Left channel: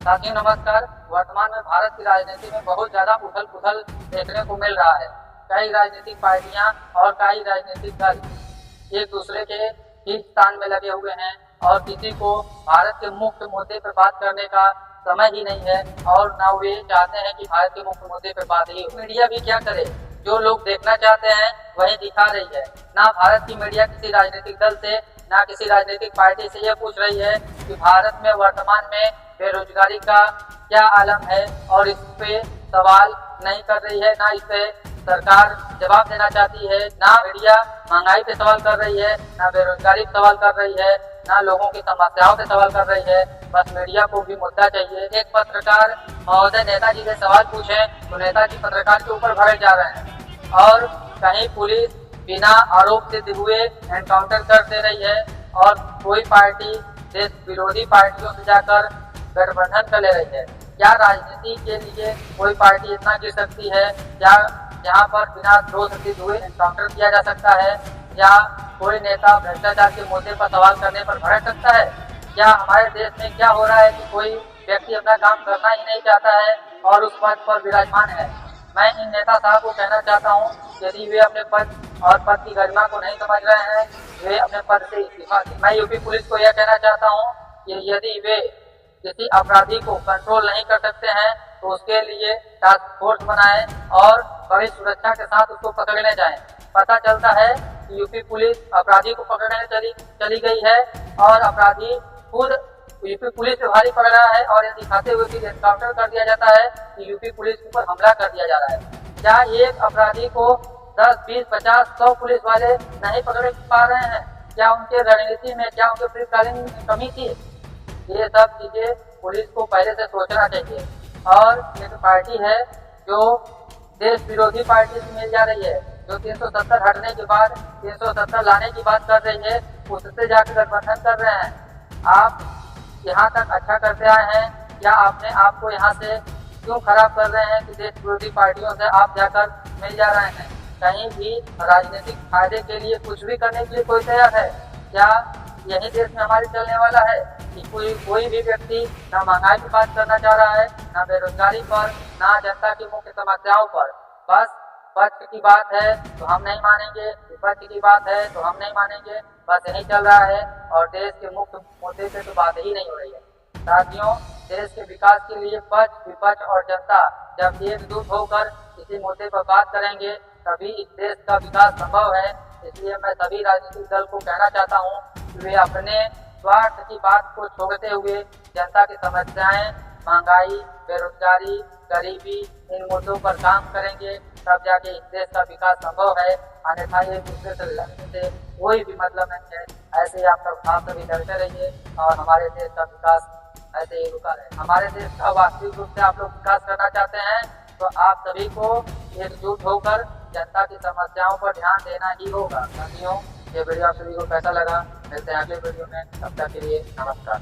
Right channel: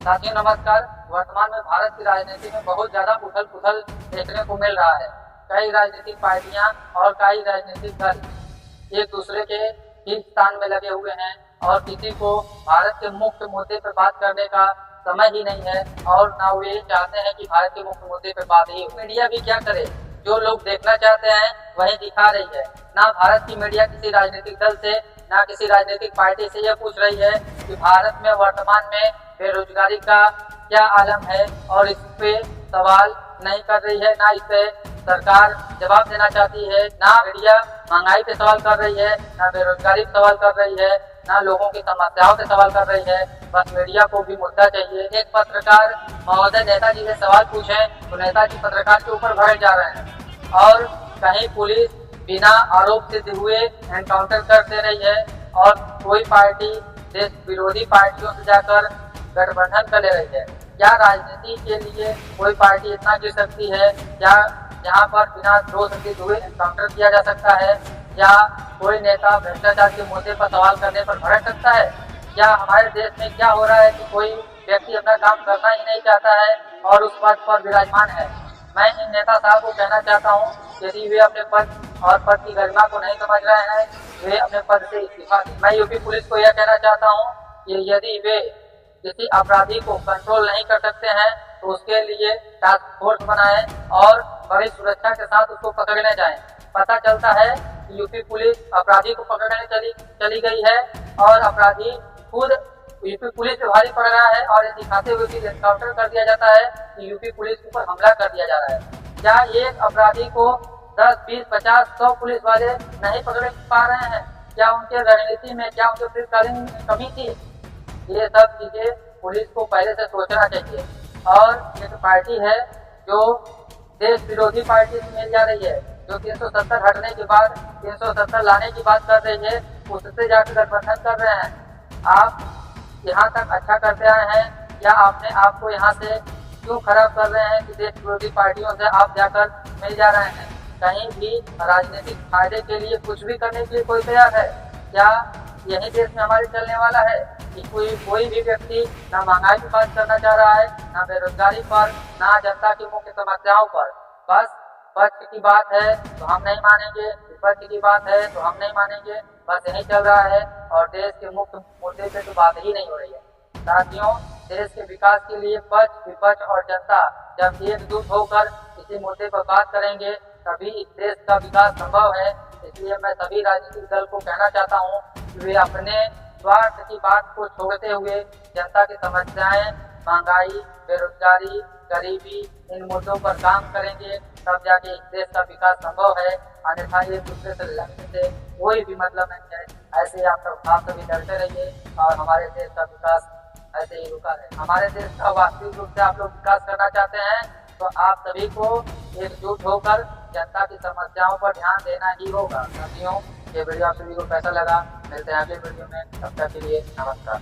साथियों नमस्कार। वर्तमान में भारत की राजनीति में बहुत ज्यादा उथल पुथल देखने को मिल रहा है। कई राजनीतिक पार्टियां और कई राजनीतिक दल एक दूसरे के खींचतान में लगे हुए हैं और किसी को भारत के मुख्य मुद्दे पर बात करने का समय ही नहीं है और ना वे चाहते हैं कि भारत के मुख्य मुद्दे पर बात ही हो। मीडिया भी क्या करे, जो लोग देखना चाहते हैं वही दिखा रही है। ना भारत की मीडिया किसी राजनीतिक दल से ना किसी राजनीतिक पार्टी से यह पूछ रही है कि भारत में वर्तमान में बेरोजगारी का क्या आलम है और इस पे सवाल नहीं कर रही है। ना इस पे सरकार जवाब देना चाहती है। ना मीडिया महंगाई पे सवाल कर रही है, ना बेरोजगारी पे सवाल कर रही है, ना लोगों की समस्याओं पे सवाल कर रही है। बस मीडिया को भी मुद्दा चाहिए। एक पत्रकार महोदय नेताजी से सवाल पूछे तो नेताजी पत्रकार के ऊपर भड़क जा रहे हैं और कहीं पुलिस बिना आरोप सिद्ध हुए एनकाउंटर कर दे रही है और कोई पार्टी देश विरोधी पार्टियों से जाकर गठबंधन कर ले रही है। क्या राजनीति के लिए कोई पार्टी इतना गिर सकती है? क्या यहाँ पर बिना दोष सिद्ध हुए एनकाउंटर किया जा सकता है? या कोई नेता भ्रष्टाचार के मुद्दे पर सवाल करने पर भड़क सकता है? क्या हमारे देश में क्या हो रहा है कि कोई व्यक्ति अपना काम करना ही नहीं चाहता है और उस पद पर विराजमान है? मैं इन नेता साहब को कहना चाहता हूँ, यदि वे अपने पद और पद की गरिमा को नहीं समझ रहे हैं, वे अपने पद से इस्तीफा दें। मैं यूपी पुलिस को यह कहना चाहता हूँ कि यदि वे किसी अपराधी को कंट्रोल नहीं कर सकते हैं तो उसके लिए टास्क फोर्स बनाएं और बड़ी सुरक्षा के साथ उसको पकड़ने जाएं। पता चलता है कि यूपी पुलिस अपराधी को पकड़ने चली गई है और अपराधी खुद यूपी पुलिस पे भारी पड़ रहा है और ये दिखाते हुए कि एनकाउंटर कर दिया जाता है कि यूपी पुलिस के ऊपर हमला कर दिया जा रहा है। क्या एक अपराधी को 10, 20, 50, 100 पुलिस वाले नहीं पकड़ पा रहे हैं? क्या उनके रणनीति में, क्या उनके प्लानिंग में कमी थी? ये सब चीजें पुलिस को पहले से सोचना चाहिए। और एक पार्टी है जो देश विरोधी पार्टी से मिल जा रही है, जो 370 हटने के बाद 370 लाने की बात कर रही है, उससे जाकर गठबंधन कर रहे हैं। आप यहाँ तक अच्छा करते आए हैं, क्या आपने आपको यहाँ से क्यों खराब कर रहे हैं कि देश विरोधी पार्टियों से आप जाकर मिल जा रहे हैं? कहीं भी राजनीतिक फायदे के लिए कुछ भी करने के लिए कोई तैयार है? क्या यही देश में हमारे चलने वाला है कि कोई भी व्यक्ति ना महंगाई की बात करना चाह रहा है, ना बेरोजगारी पर, ना जनता की मुख्य समस्याओं पर? बस पक्ष की बात है तो हम नहीं मानेंगे, विपक्ष की बात है तो हम नहीं मानेंगे। बस यही चल रहा है और देश के मुख्य मुद्दे पे तो बात ही नहीं हो रही है। साथियों, देश के विकास के लिए पक्ष, विपक्ष और जनता जब एकजुट होकर किसी मुद्दे पर बात करेंगे तभी इस देश का विकास संभव है। इसलिए मैं सभी राजनीतिक दल को कहना चाहता हूँ कि वे अपने स्वार्थ की बात को छोड़ते हुए जनता की समस्याएं, महंगाई, बेरोजगारी, गरीबी, इन मुद्दों पर काम करेंगे तब जाके इस देश का विकास संभव है। अन्यथा एक दूसरे से लड़ने से कोई भी मतलब नहीं है। ऐसे आप सभी लड़ते रहिए और हमारे देश का विकास ऐसे ही रुका रहे। हमारे देश का वास्तविक रूप से आप लोग विकास करना चाहते हैं तो आप सभी को एकजुट होकर जनता की समस्याओं पर ध्यान देना ही होगा। साथियों, ये वीडियो आप सभी को कैसा लगा? मिलते हैं अगले वीडियो में, तब तक के लिए नमस्कार।